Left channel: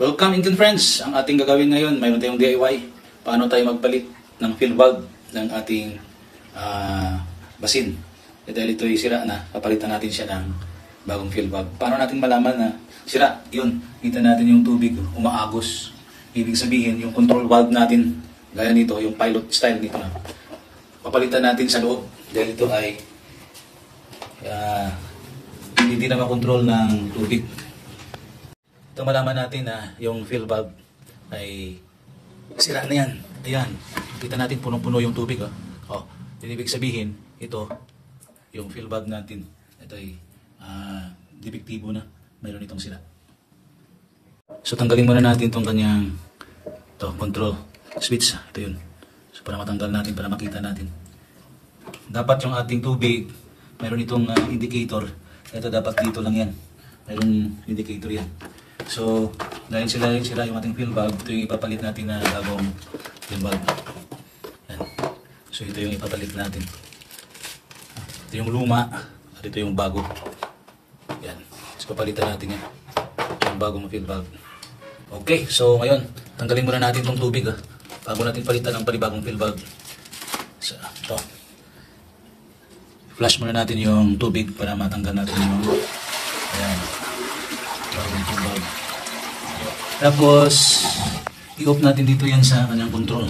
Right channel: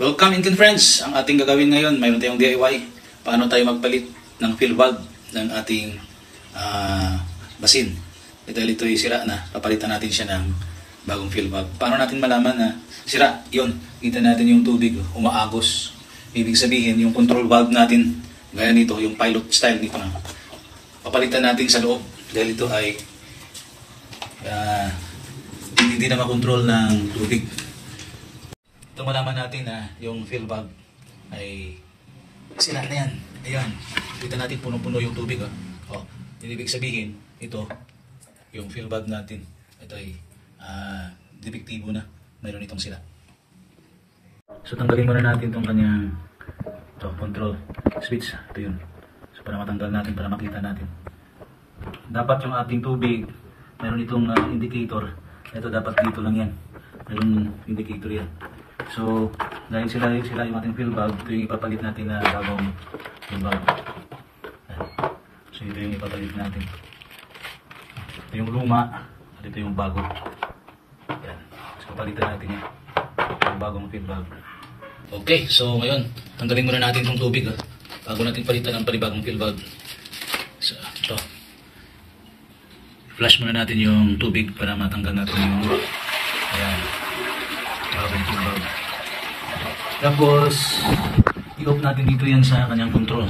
Welcome Indian friends! Ang ating gagawin ngayon, mayroon tayong DIY. Paano tayo magpalit ng fill valve ng ating basin. Dahil ito ay sira na, papalitan natin siya ng bagong fill valve. Paano natin malaman na sira? Yun, kita natin yung tubig umaagos. Ibig sabihin, yung control valve natin, gaya nito, yung pilot style nito na, papalitan natin sa loob. Dahil ito ay hindi na makontrol ng tubig. Ito malaman natin na yung fill valve ay sira na yan. Ayan. Kita natin punong-puno yung tubig. Oh. Ibig sabihin, ito, yung fill valve natin, ito ay depektibo na. Mayroon itong sira. So tanggalin muna natin itong kanyang control switch. Ito yun. So para matanggal natin, para makita natin. Dapat yung ating tubig, mayroon itong indicator. Ito dapat dito lang yan. Mayroon indicator yan. So, dahil sila yung ating fill valve, ito yung ipapalit natin na bagong fill valve. Yan. So, ito yung ipapalit natin. Ito yung luma, at ito yung bago. Yan. So, papalitan natin yan. Yung bagong fill valve. Okay, so ngayon, tanggalin muna natin itong tubig. Bago natin palitan ng panibagong fill valve. So, ito. Flush muna natin yung tubig para matanggal natin yung ayan. Tapos, i-off natin dito yan sa kanyang control.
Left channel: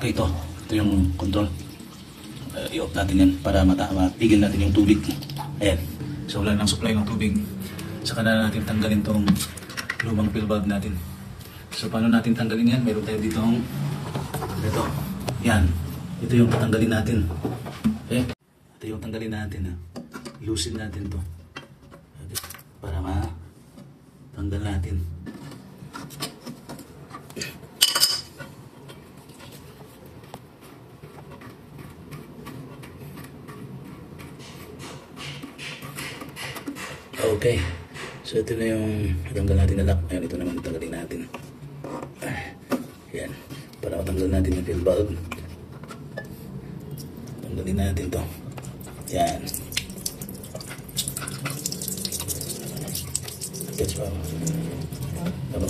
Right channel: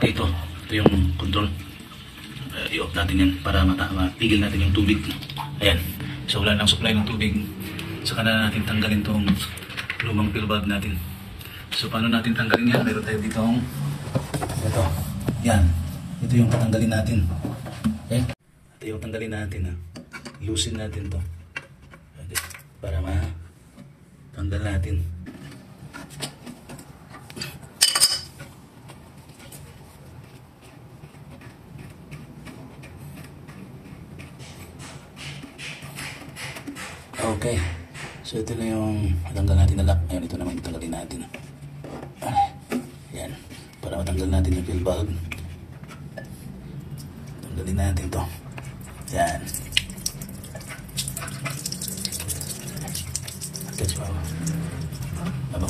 Okay, ito yung control. I-off natin yan para mapigil natin yung tubig. Ayan. So, wala nang supply ng tubig. Saka na natin tanggalin itong lumang fill valve natin. So, paano natin tanggalin yan? Mayroon tayo dito. Ito. Yan. Ito yung patanggalin natin. Okay? Ito yung tanggalin natin. Loosen natin to. Okay. Para tanggal natin. Okay. So ito na yung tanggal natin na lock. Ayan, ito naman tanggalin natin. Yan. Para matanggal natin yung fill valve. Tanggalin natin to. Yan. That's wow. Ito.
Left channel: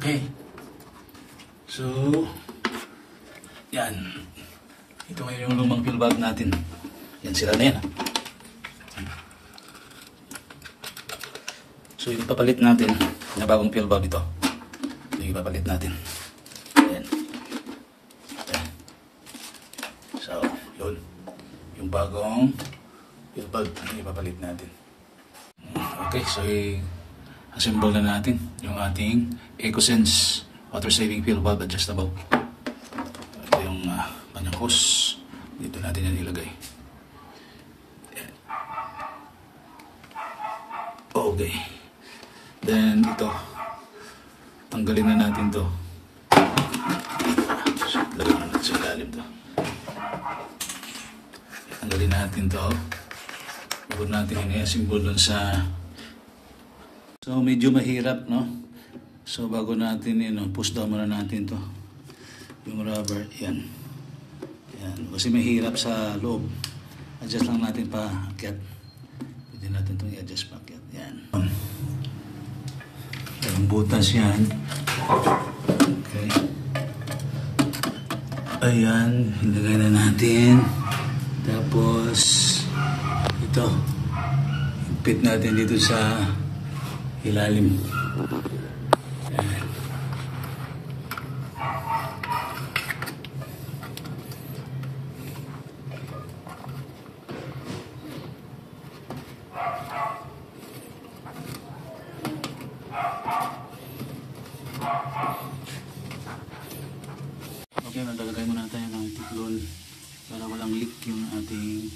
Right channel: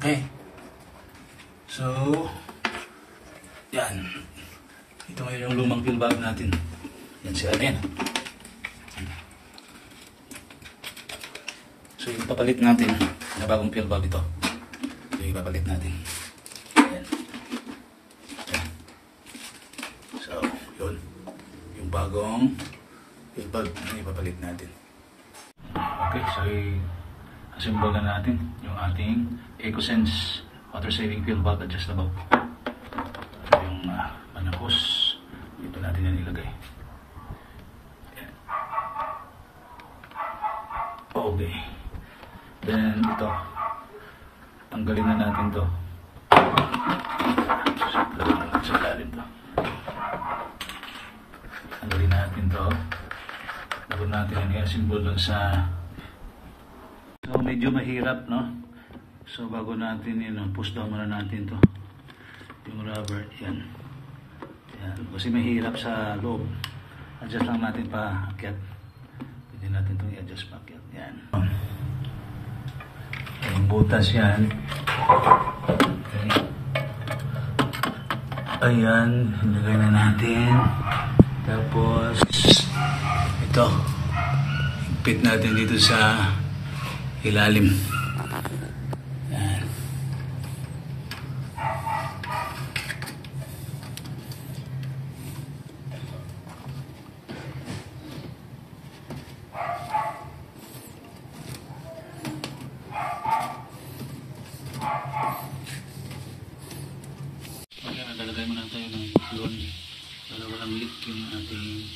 Okay. So, yan. Ito ngayon yung lumang fill valve natin. Yan sila na yan. So, yung papalit natin na bagong fill valve ito. Ito yung papalit natin. Yan. So, yun. Yung bagong fill valve yung papalit natin. Okay, so assemble na natin yung ating EcoSense water saving fill valve adjustable. Ito yung panakos. Dito natin yan ilagay. Yan. Okay. Then ito, tanggalin na natin to. So, lagyan na natin sa ilalim to. Tanggalin natin to. Bago natin yan i-assemble dun sa. So medyo mahirap, no? So bago natin push down muna natin to. Yung rubber, yan. Yan. Kasi mahirap sa loob. Adjust lang natin pa akyat. Pwede natin itong i-adjust pa akyat. Yan. Yung butas yan. Okay. Ayan. Ilagay na natin. Tapos ito. Higpit natin dito sa ilalim. Ayan. Nalagay muna tayo ng iglon para walang leak yung ating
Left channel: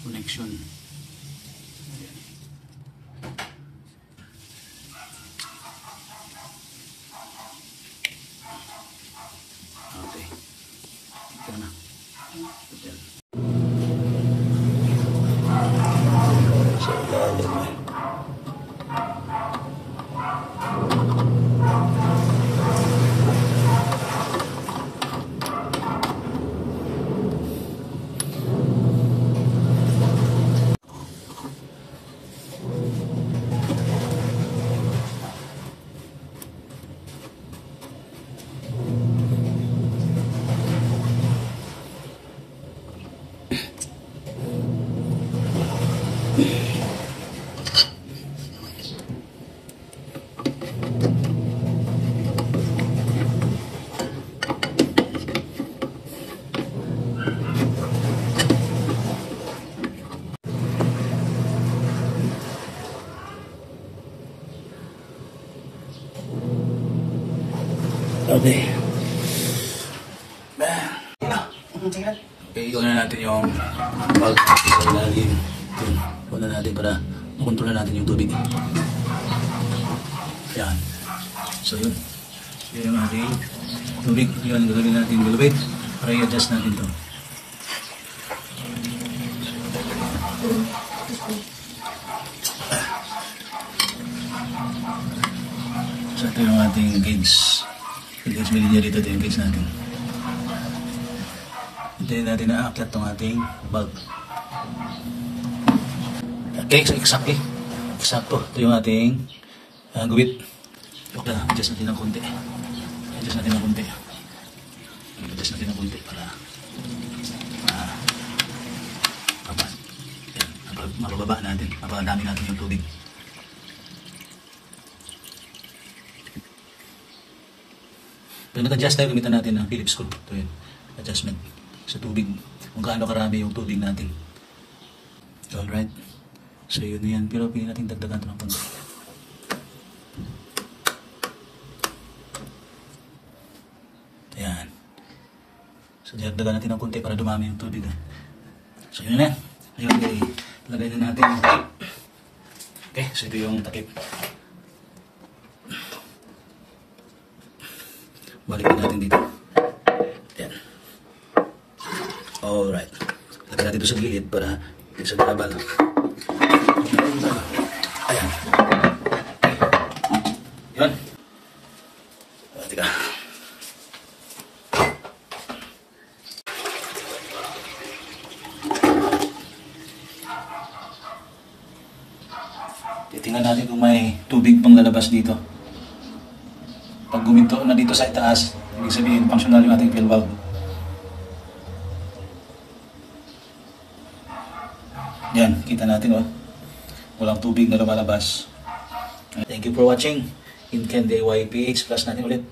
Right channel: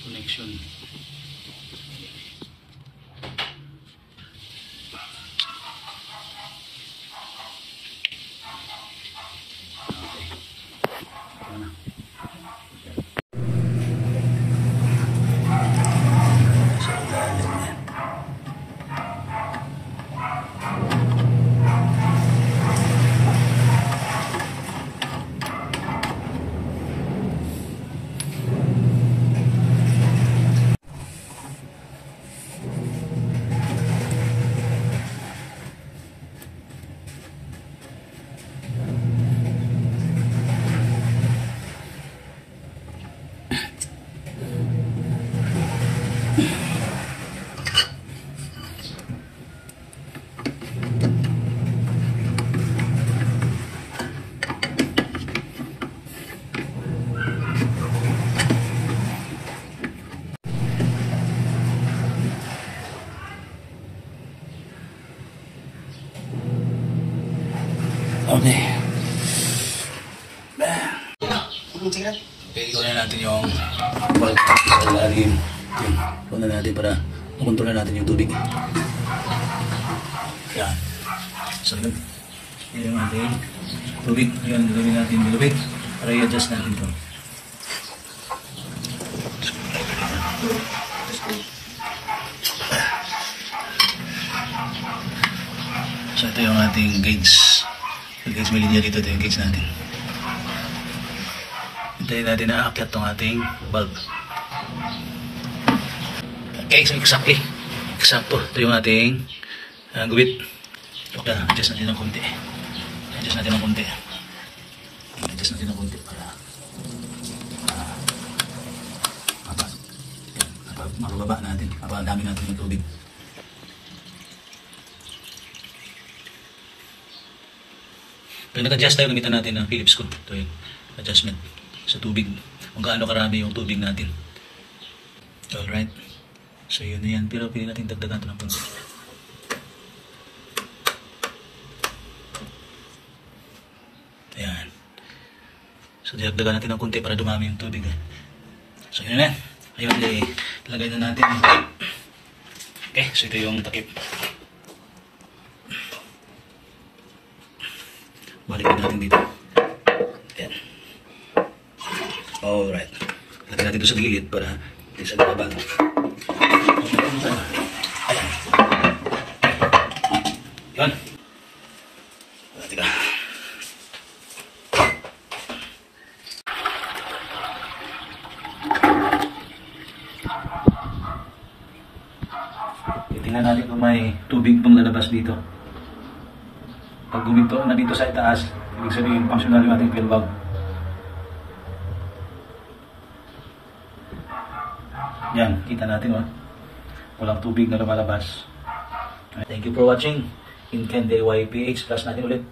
connection. So, ilalim yan. Okay. Okay, ikuha na natin yung valve sa ilalim. Ikuha na natin para makontrol na natin yung tubig. Yan. So yun. Yun yung ating tubig. Yun, gagawin natin yung tubig para i-adjust natin ito. So ito yung ating gauge. Yung gauge malinya dito, ito yung gauge natin. Hintayin natin na aakyat itong ating bulb. Okay, so exactly. Eksakto. Ito yung ating guwit. Okay, adjust natin ng konti. Adjust natin ng konti. Adjust natin ng konti para mabababa natin. Mapadami natin yung tubig. Pag nag-adjust tayo, gamitan natin ng Phillips screw. Ito yung adjustment sa tubig. Kung gaano karami yung tubig natin. Alright. So yun na yan. Pero pwede natin dagdagan ito ng konti. Ayan. So dagdagan natin ng konti para dumami yung tubig. So yun na. Ayun, ilagay na natin. Okay, so ito yung takip. Balikin natin dito. Ayan. Alright. Lagyan natin ito sa gilid para hindi sa garabal. Ayan. Yun. Tika. Tingnan natin kung may tubig pang lalabas dito. Pag guminto na dito sa itaas, ibig sabihin, functional yung ating fill valve. Yan, kita natin walang tubig na lumalabas. Thank you for watching. In Ken DIY PH, plus natin ulit.